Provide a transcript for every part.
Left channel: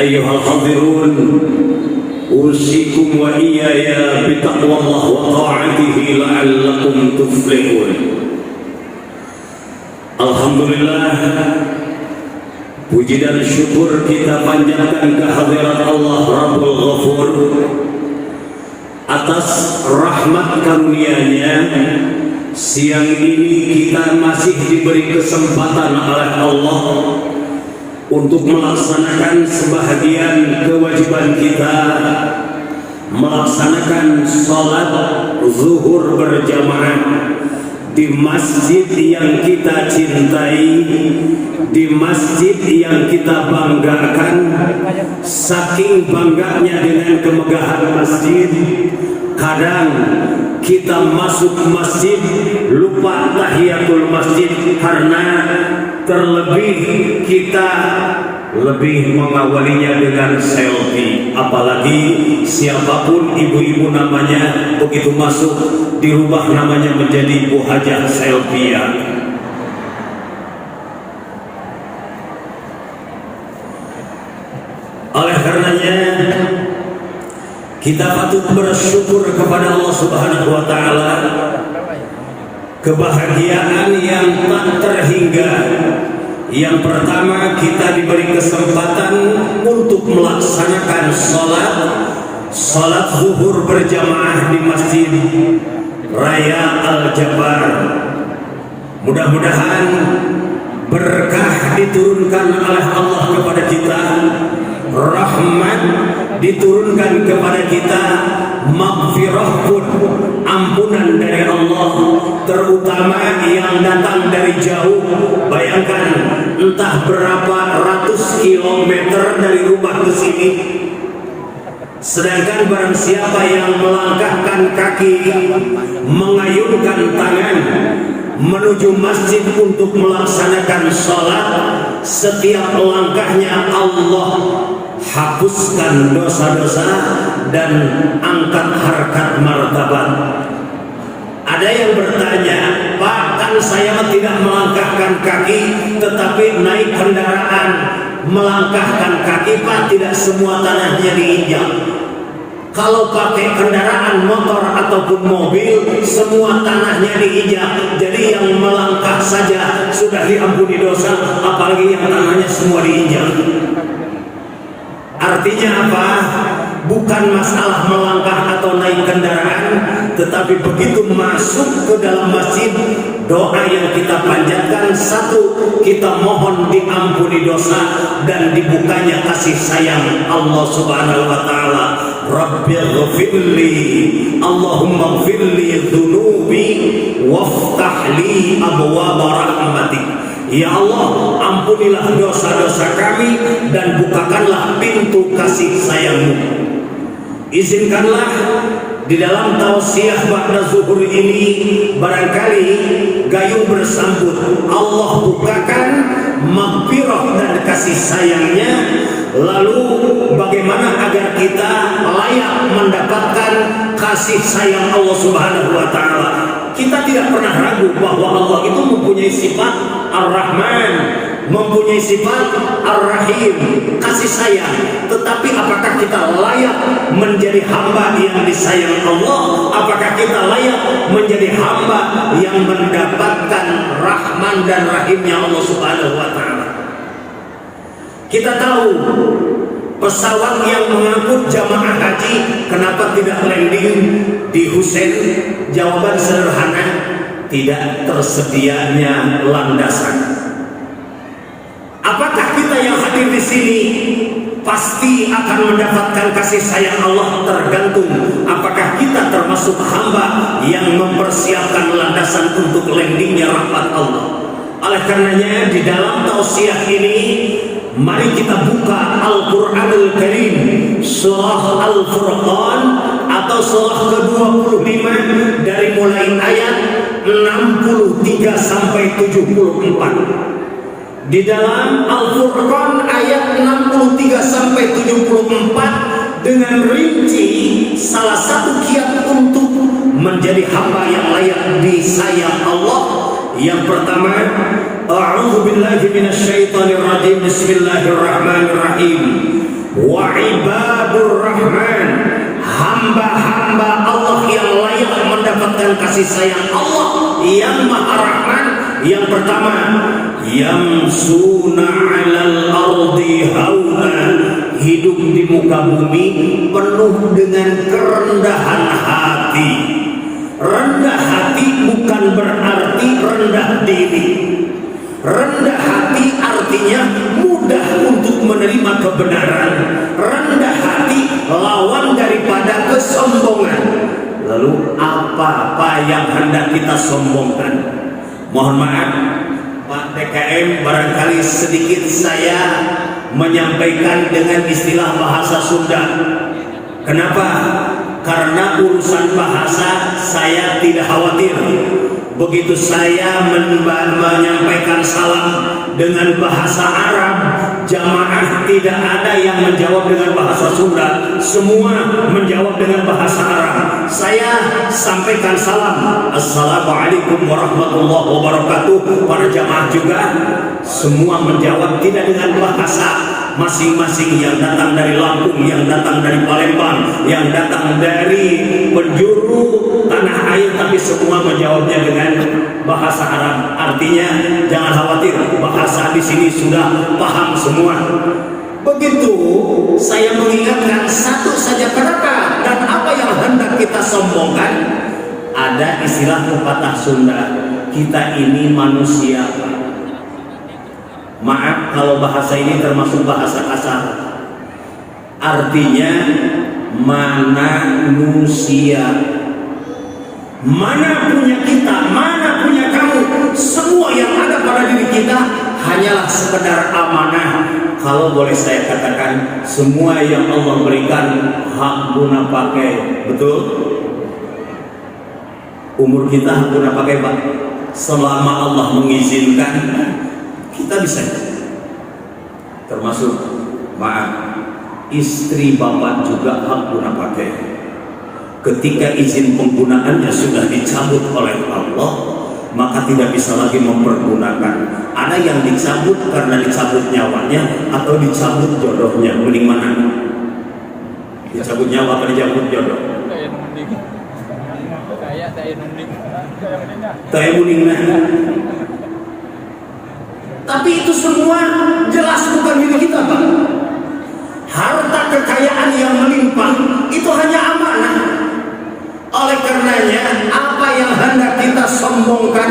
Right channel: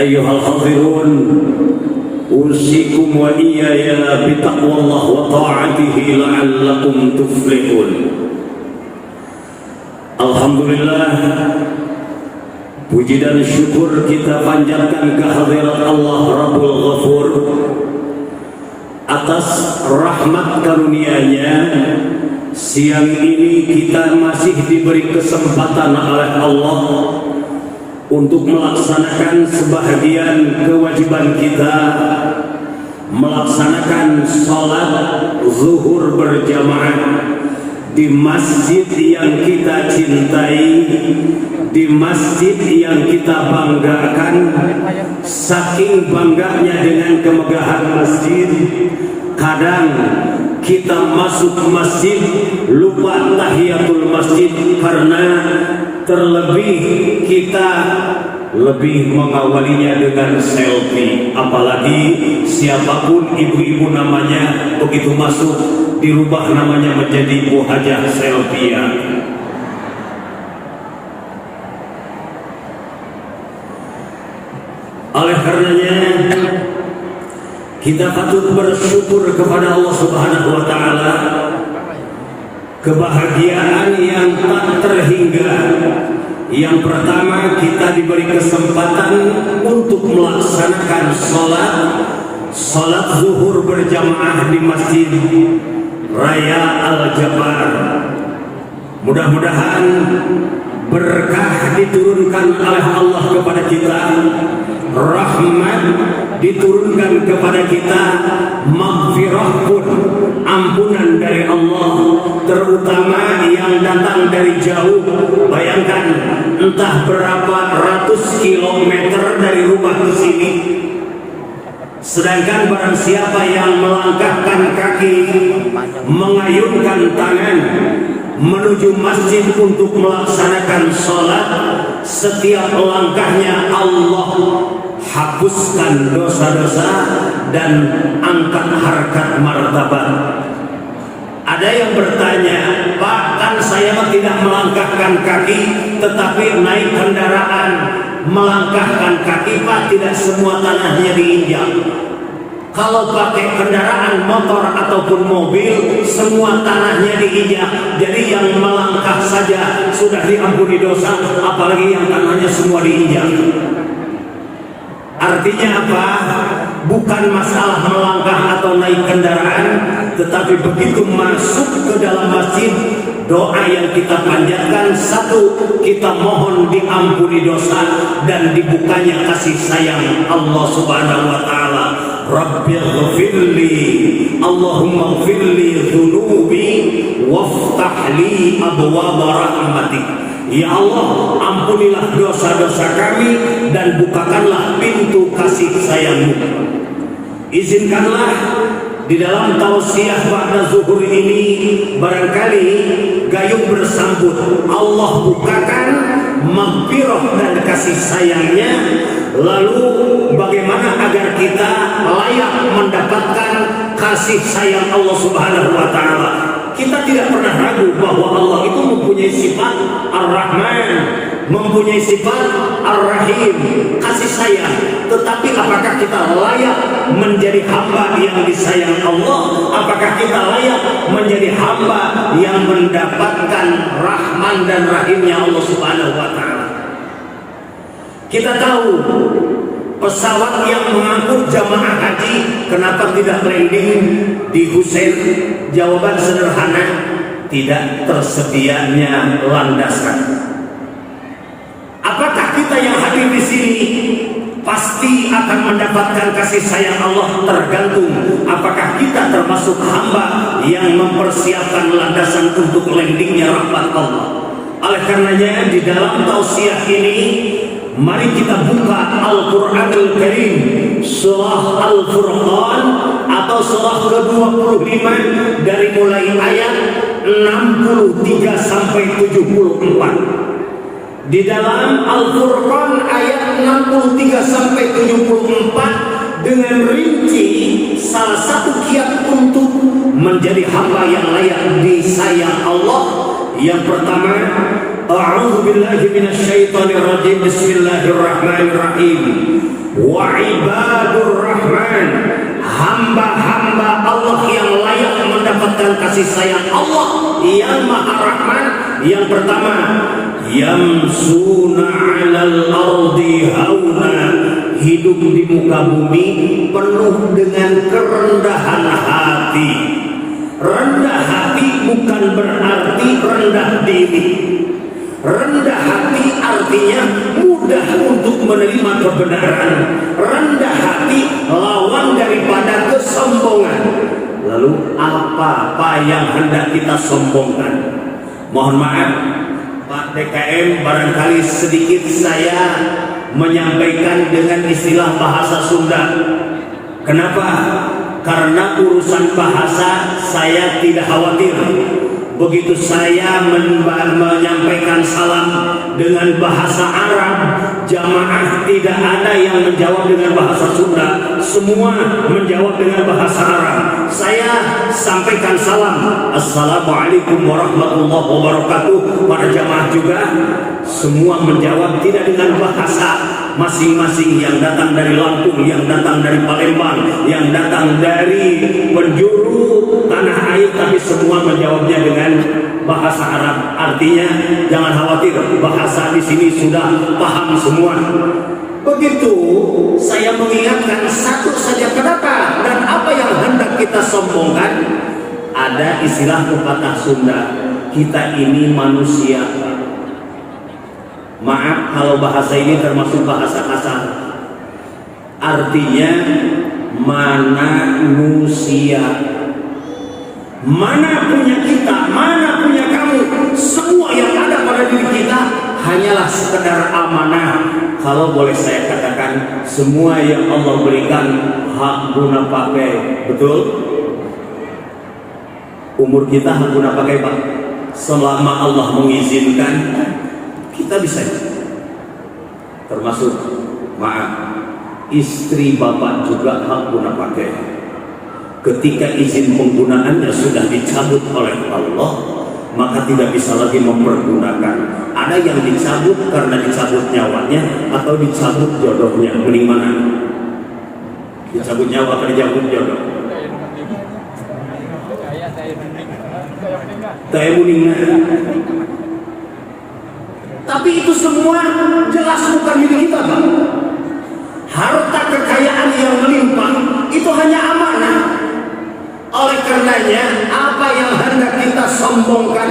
أيها الحاضرون أوصيكم وإياي بتقوى الله وطاعته لعلكم تفلحون. Alhamdulillah, puji dan syukur kita panjatkan kehadirat Allah Rabbul Ghafur atas rahmat karunia-Nya. Siang ini kita masih diberi kesempatan oleh Allah untuk melaksanakan sebahagian kewajiban kita, melaksanakan sholat zuhur berjamaah di masjid yang kita cintai, di masjid yang kita banggakan. Saking bangganya dengan kemegahan masjid, kadang kita masuk masjid lupa tahiyatul masjid karena terlebih kita lebih mengawalinya dengan selfie. Apalagi siapapun ibu-ibu namanya, begitu masuk dirubah namanya menjadi Bu Hajah Selfie. Oleh karenanya kita patut bersyukur kepada Allah Subhanahu wa taala, kebahagiaan yang tak terhingga. Yang pertama, kita diberi kesempatan untuk melaksanakan salat zuhur berjamaah di Masjid Raya Al-Jabar. Mudah-mudahan berkah diturunkan oleh Allah kepada kita, rahmat diturunkan kepada kita, maghfirah pun, ampunan dari Allah, terutama yang datang dari jauh. Bayangkan, entah berapa ratus kilometer dari rumah ke sini. Sedangkan barang siapa yang melangkahkan kaki, mengayunkan tangan menuju masjid untuk melaksanakan sholat, setiap langkahnya Allah hapuskan dosa-dosa dan angkat harkat martabat. Ada yang bertanya, Pak, kan saya tidak melangkahkan kaki tetapi naik kendaraan. Melangkahkan kaki, Pak, tidak semua tanahnya diinjak. Kalau pakai kendaraan motor ataupun mobil, semua tanahnya diinjak. Jadi yang melangkah saja sudah diampuni dosa, apalagi yang tanahnya semua diinjak. Artinya apa? Bukan masalah melangkah atau naik kendaraan, tetapi begitu masuk ke dalam masjid, doa yang kita panjatkan, satu, kita mohon diampuni dosa dan dibukanya kasih sayang Allah Subhanahu wa taala. Rabbighfirli, Allahumma ighfirli dzunubi waftah li abwaaba rahmatik. Ya Allah, ampunilah dosa-dosa kami dan bukakanlah pintu kasih sayang-Mu. Izinkanlah di dalam tausiah ba'da zuhur ini barangkali gayung bersambut. Allah bukakan maghfirah dan kasih sayangnya. Lalu bagaimana agar kita layak mendapatkan kasih sayang Allah Subhanahu wa taala? Kita tidak pernah ragu bahwa Allah itu mempunyai sifat Ar-Rahman, mempunyai sifat Ar-Rahim, kasih sayang. Tetapi apakah kita layak menjadi hamba yang disayang Allah? Apakah kita layak menjadi hamba yang mendapatkan Rahman dan Rahimnya Allah Subhanahu wa taala? Kita tahu pesawat yang mengangkut jamaah haji kenapa tidak landing di Husein? Jawaban sederhana, tidak tersedianya landasan. Apakah kita yang hadir di sini pasti akan mendapatkan kasih sayang Allah? Tergantung apakah kita termasuk hamba yang mempersiapkan landasan untuk landingnya rahmat Allah. Oleh karenanya di dalam tausiah ini, mari kita buka Al-Quranul Karim, surah Al-Furqan atau surah ke-25 dari mulai ayat 63 sampai 74. Di dalam Al-Furqan ayat 63 sampai 74 dengan rinci salah satu kiat untuk menjadi hamba yang layak disayang Allah. Yang pertama, A'udzu billahi minasyaitonir rajim. Bismillahirrahmanirrahim. Wa ibadur rahman, hamba-hamba Allah yang layak mendapatkan kasih sayang Allah yang Maha Rahman. Yang pertama, yamsuna 'alal ardi hauna, hidup di muka bumi penuh dengan kerendahan hati. Rendah hati bukan berarti rendah diri. Rendah hati artinya mudah untuk menerima kebenaran. Rendah hati lawan daripada kesombongan. Lalu apa yang hendak kita sombongkan? Mohon maaf Pak DKM, barangkali sedikit saya menyampaikan dengan istilah bahasa Sunda. Kenapa? Karena urusan bahasa saya tidak khawatir. Begitu saya menyampaikan salam dengan bahasa Arab, jamaah tidak ada yang menjawab dengan bahasa Sunda, semua menjawab dengan bahasa Arab. Saya sampaikan salam, assalamualaikum warahmatullahi wabarakatuh. Para jamaah juga semua menjawab tidak dengan bahasa masing-masing, yang datang dari Lampung, yang datang dari Palembang, yang datang dari penjuru tanah air, tapi semua menjawabnya dengan bahasa Arab. Artinya jangan khawatir, bahasa di sini sudah paham semua. Begitu saya mengingatkan satu saja, kenapa dan apa yang hendak kita sombongkan. Ada istilah pepatah Sunda, kita ini manusia. Maaf kalau bahasa ini termasuk bahasa kasar. Artinya manusia. Mana punya kita, mana punya kamu, semua yang ada pada diri kita hanyalah sekedar amanah. Kalau boleh saya katakan, semua yang Allah berikan hak guna pakai. Betul? Umur kita hak guna pakai, Pak. Selama Allah mengizinkan, kita bisa. Termasuk, maaf, istri bapak juga hak guna pakai. Ketika izin penggunaannya sudah dicabut oleh Allah, maka tidak bisa lagi mempergunakan. Ada yang dicabut karena dicabut nyawanya atau dicabut jodohnya. Mending mana? Dicabut nyawa atau dicabut jodoh? Kayak mending. Tapi itu semua jelas bukan milik kita, Pak. Harta kekayaan yang melimpah itu hanya amanah. Oleh karenanya, apa yang hendak kita sombongkan?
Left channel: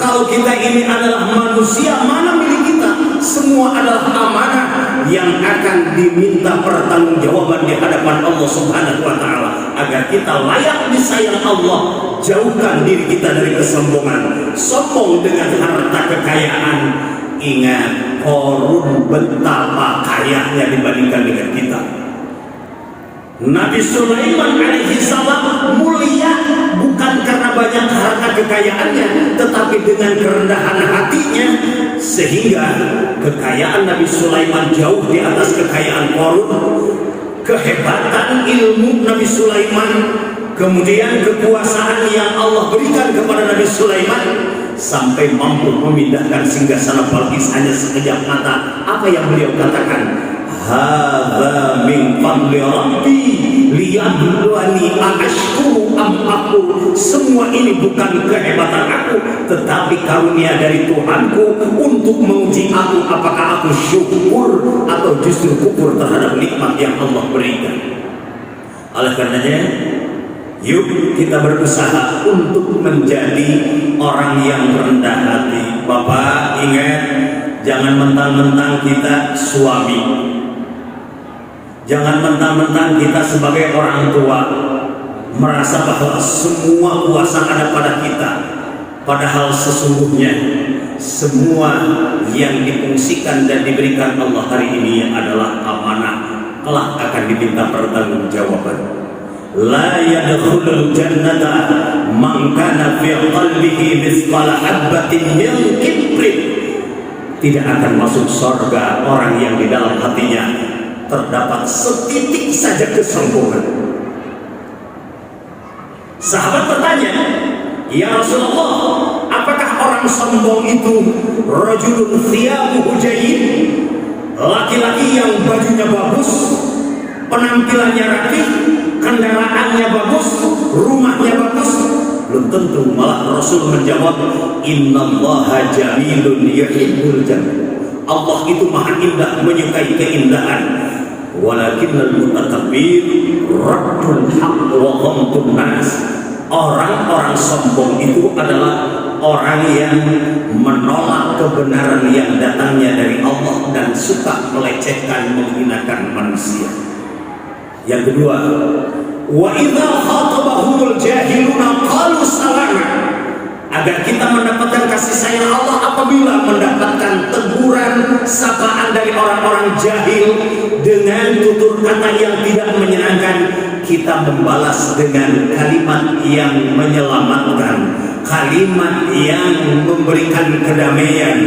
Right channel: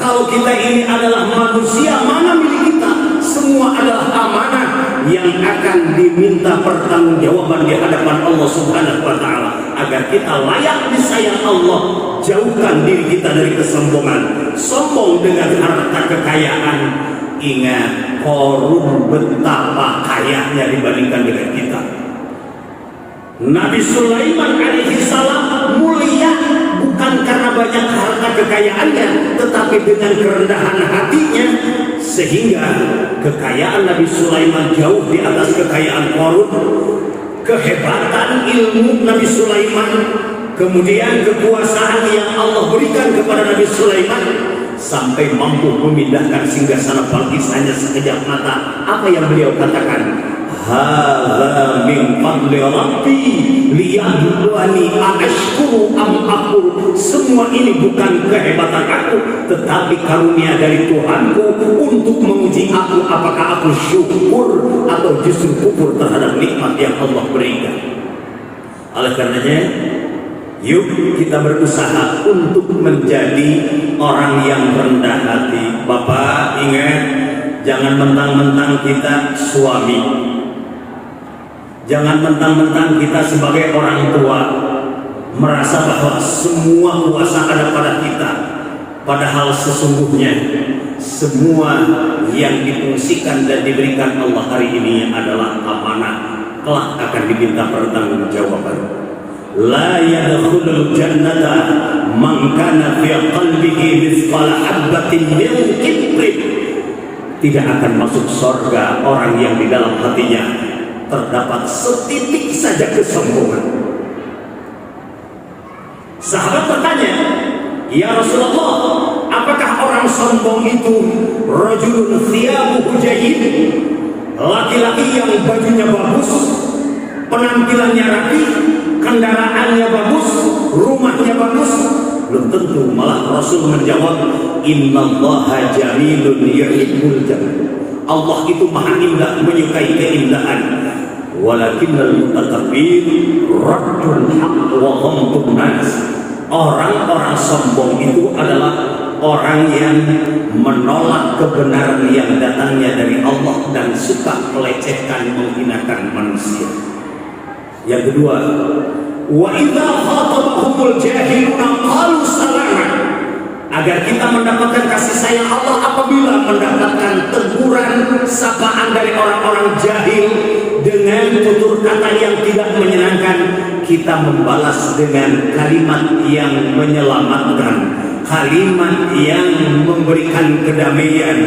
Kalau kita ini adalah manusia, mana milik kita? Semua adalah amanah yang akan diminta pertanggungjawaban di hadapan Allah Subhanahu wa Ta'ala. Agar kita layak disayang Allah, jauhkan diri kita dari kesombongan. Sombong dengan harta kekayaan. Ingat, Qarun betapa kayanya dibandingkan dengan kita. Nabi Sulaiman alaihi salam mulia bukan karena banyak harta kekayaannya, tetapi dengan kerendahan hatinya, sehingga kekayaan Nabi Sulaiman jauh di atas kekayaan Qarun. Kehebatan ilmu Nabi Sulaiman, kemudian kekuasaan yang Allah berikan kepada Nabi Sulaiman, sampai mampu memindahkan singgasana Balqis hanya sekejap mata. Apa yang beliau katakan? Hadza min fadli rabbi liyabluwani ashkuru am akfur. Semua ini bukan kehebatan aku, tetapi karunia dari Tuhanku untuk menguji aku apakah aku syukur atau justru kufur terhadap nikmat yang Allah berikan. Oleh karenanya, yuk kita berusaha untuk menjadi orang yang rendah hati. Bapak ingat, jangan mentang-mentang kita suami, jangan mentang-mentang kita sebagai orang tua merasa bahwa semua kuasa ada pada kita. Padahal sesungguhnya semua yang difungsikan dan diberikan Allah hari ini adalah amanah, kelak akan diminta pertanggungjawaban. La yadkhulul jannata man kana fi qalbihi mithqala habatin min kibrin. Tidak akan masuk surga orang yang di dalam hatinya terdapat setitik saja kesombongan. Sahabat bertanya, ya Rasulullah, apakah orang orang sombong itu rajulun thiyabuhu jayyid, laki-laki yang bajunya bagus, penampilannya rapi, kendaraannya bagus, rumahnya bagus. Belum tentu, malah Rasul menjawab, innallaha jamilun yuhibbul jamal. Allah itu maha indah, menyukai keindahan. Walakinnal mutakabbir raddul haqq wa ghamtun nas. Orang-orang sombong itu adalah orang yang menolak kebenaran yang datangnya dari Allah dan suka melecehkan, menghinakan manusia. Yang kedua, wa idza khatabahumul jahiluna qalu salama. Agar kita mendapatkan kasih sayang Allah apabila mendapatkan teguran, sapaan dari orang-orang jahil dengan tutur kata yang tidak menyenangkan, kita membalas dengan kalimat yang menyelamatkan, kalimat yang memberikan kedamaian.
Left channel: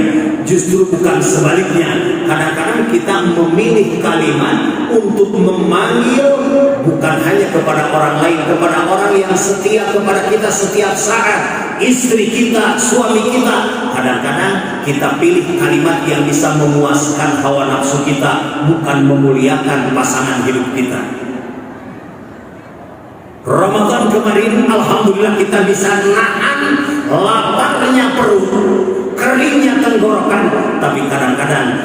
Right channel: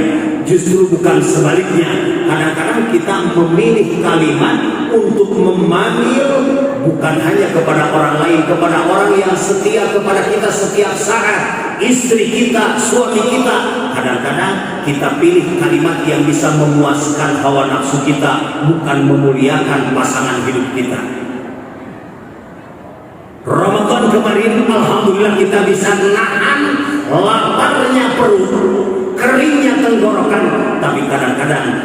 Justru bukan sebaliknya. Kadang-kadang kita memilih kalimat untuk memanggil bukan hanya kepada orang lain, kepada orang yang setia kepada kita setiap saat, istri kita, suami kita. Kadang-kadang kita pilih kalimat yang bisa memuaskan hawa nafsu kita, bukan memuliakan pasangan hidup kita. Ramadan kemarin alhamdulillah kita bisa nahan laparnya perut, keringnya tenggorokan, tapi kadang-kadang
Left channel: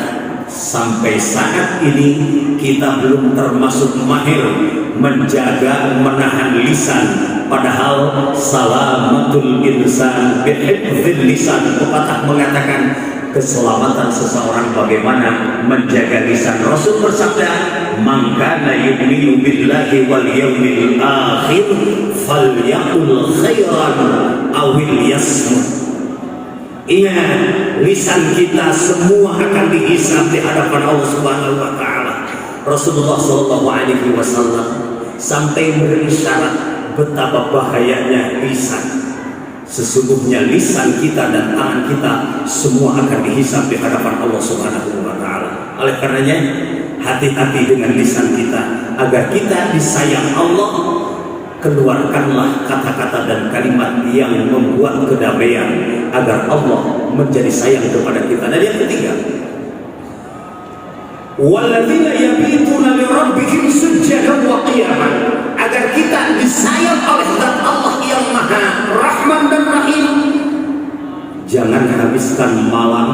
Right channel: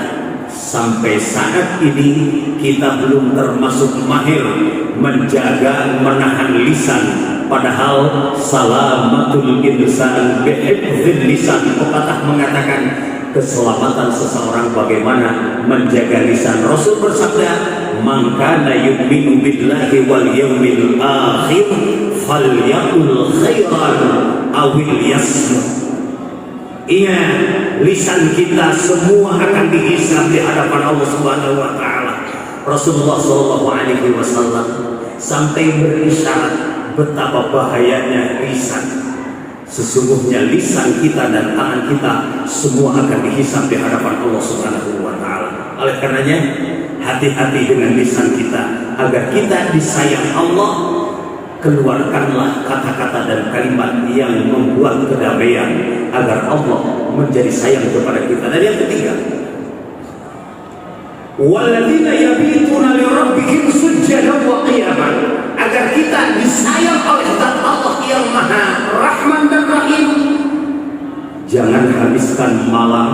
sampai saat ini kita belum termasuk mahir menjaga, menahan lisan. Padahal salamatul insan bihifdzil lisan. Pepatah mengatakan keselamatan seseorang bagaimana menjaga lisan. Rasul bersabda, "Man kana yu'minu billahi wal yawmil akhir falyaqul khairan aw liyasmut." Ingat, lisan kita semua akan dihisab di hadapan Allah Subhanahu wa taala. Rasulullah sallallahu alaihi wasallam sampai berisyarat betapa bahayanya lisan. Sesungguhnya lisan kita dan tangan kita semua akan dihisab di hadapan Allah Subhanahu wa taala. Oleh karenanya, hati-hati dengan lisan kita agar kita disayang Allah. Keluarkanlah kata-kata dan kalimat yang membuat kedamaian agar Allah menjadi sayang kepada kita. Dan yang ketiga, walladzina yabituna li rabbihim sujjadan wa qiyaman. Agar kita disayang oleh zat Allah yang Maha Rahman dan Rahim. Jangan habiskan malam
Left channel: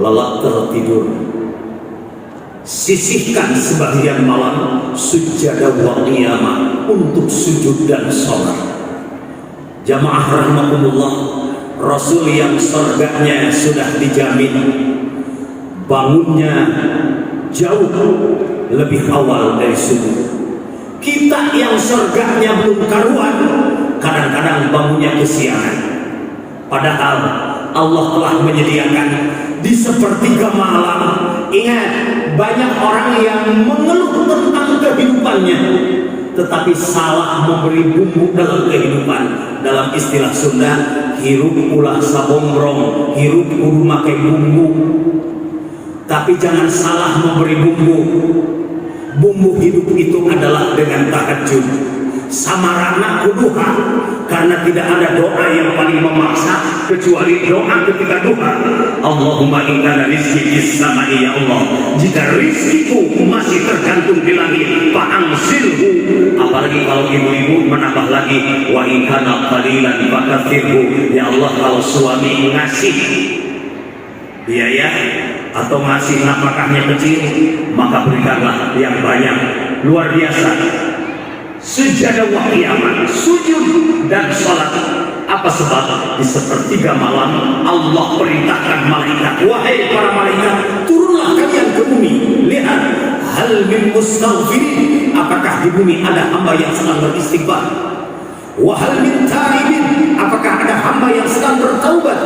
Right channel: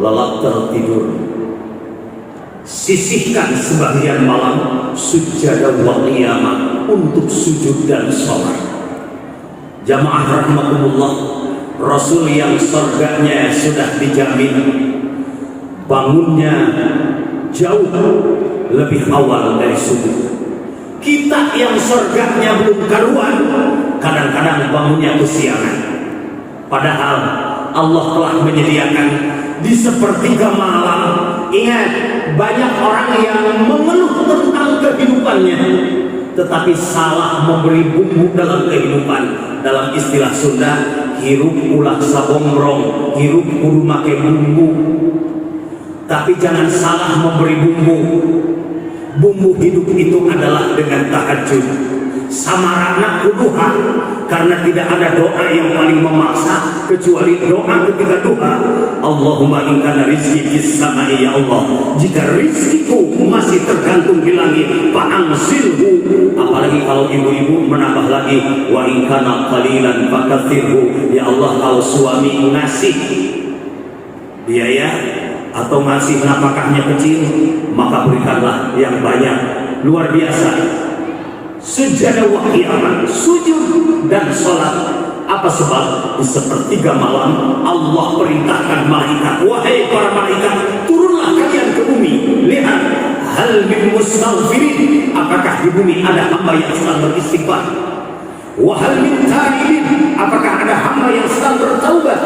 lelap tertidur. Sisihkan sebagian malam sujjadan wa qiyaman untuk sujud dan sholat. Jamaah rahimakumullah, Rasul yang surganya sudah dijamin, bangunnya jauh lebih awal dari subuh. Kita yang surganya belum karuan, kadang-kadang bangunnya kesiangan. Padahal Allah telah menyediakan di sepertiga malam. Ingat, banyak orang yang mengeluh tentang kehidupannya, tetapi salah memberi bumbu dalam kehidupan. Dalam istilah Sunda, hirup ulah sabongrong, hirup kudu make bumbu. Tapi jangan salah memberi bumbu. Bumbu hidup itu adalah dengan tahajud, samarana kuduha, karena tidak ada doa yang paling memaksa kecuali doa ketika duha. Allahumma inna rizki fis sama'i, ya Allah, jika rizkiku masih tergantung di langit, fa'ansilhu. Apalagi kalau ibu-ibu menambah lagi, wa in kana qalilan fakathirhu, ya Allah, kalau suami ngasih biaya atau ngasih nafkahnya kecil, maka berikanlah yang banyak. Luar biasa. Sujud wa qiyam, sujud dan salat. Apa sebab? Di sepertiga malam Allah perintahkan malaikat, wahai para malaikat, turunlah kalian ke bumi. Lihat, hal min mustaghfirin, apakah di bumi ada hamba yang sedang beristighfar? Wa hal min taibin, apakah ada hamba yang sedang bertaubat?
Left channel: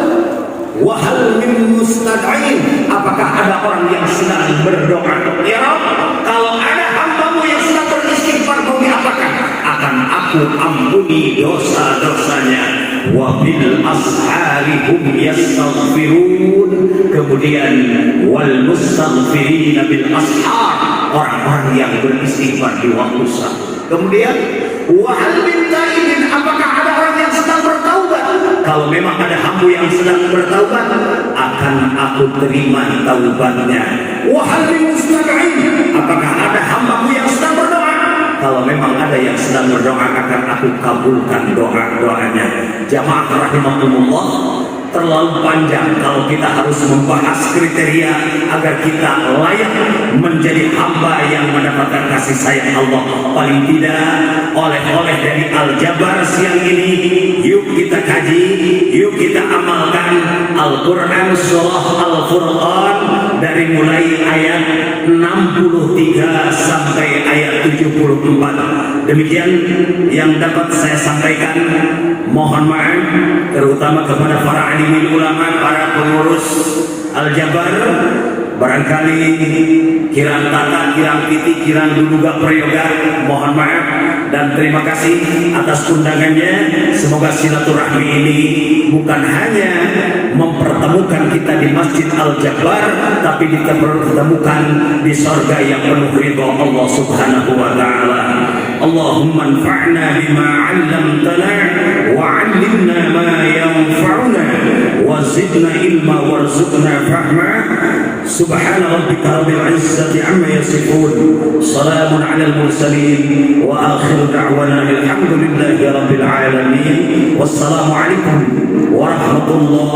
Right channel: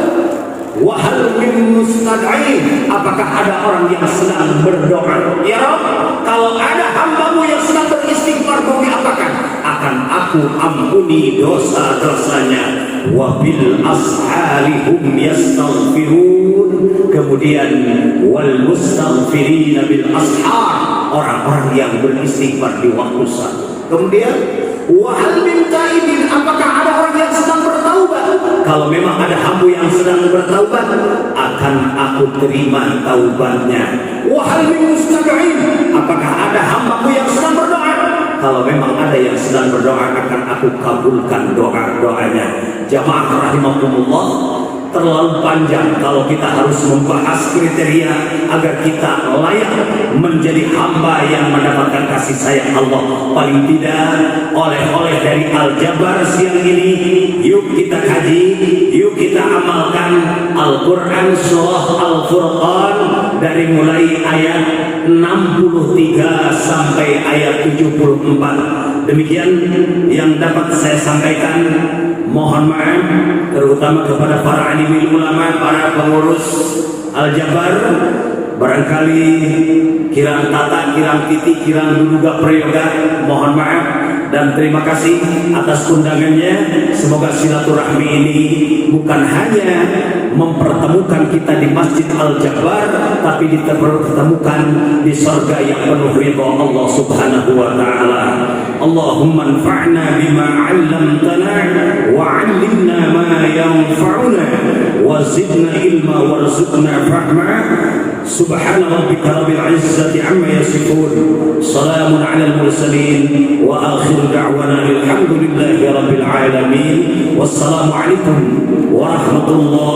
Wa hal min mustad'in, apakah ada orang yang sedang berdoa? Ya Rabb, kalau ada hamba-Mu yang sedang beristighfar, mau diapakan? Akan aku ampuni dosa-dosanya. Wa bil ashari hum yastaghfirun. Kemudian wal mustaghfirina bil ashar, orang-orang yang beristighfar di waktu sahur. Kemudian wa hal min taibin, apakah ada orang yang sedang bertaubat? kalau memang ada hamba yang sedang bertaubat, akan aku terima taubatnya. Wahal min mustami'in, apakah ada hambaku yang sedang berdoa? Kalau memang ada yang sedang berdoa, akan aku kabulkan doa-doanya. Jamaah rahimakumullah, terlalu panjang kalau kita harus membahas kriteria agar kita layak menjadi hamba yang mendapatkan kasih sayang Allah. Paling tidak oleh-oleh dari Al-Jabar siang ini, yuk kita kaji, yuk kita amalkan Al-Quran surah Al-Furqan dari mulai ayat 63 sampai ayat 74. Demikian yang dapat saya sampaikan. Mohon maaf terutama kepada para alim ulama, para pengurus Al-Jabar, barangkali kirang tata, kirang titik, kirang duduga prayoga, mohon maaf dan terima kasih atas undangannya. Semoga silaturahmi ini bukan hanya mempertemukan kita di Masjid Al-Jabar, tapi kita pertemukan di surga yang penuh ridha Allah Subhanahu wa taala. Allahumma anfa'na bima 'allamtana wa 'allimna ma yanfa'una wa zidna ilma warzuqna fahma. Subhana rabbika rabbil 'izzati 'amma yasifun, salamun 'alal mursalin wa akhiru da'wana alhamdulillahi rabbil alamin. Wassalamu alaikum warahmatullahi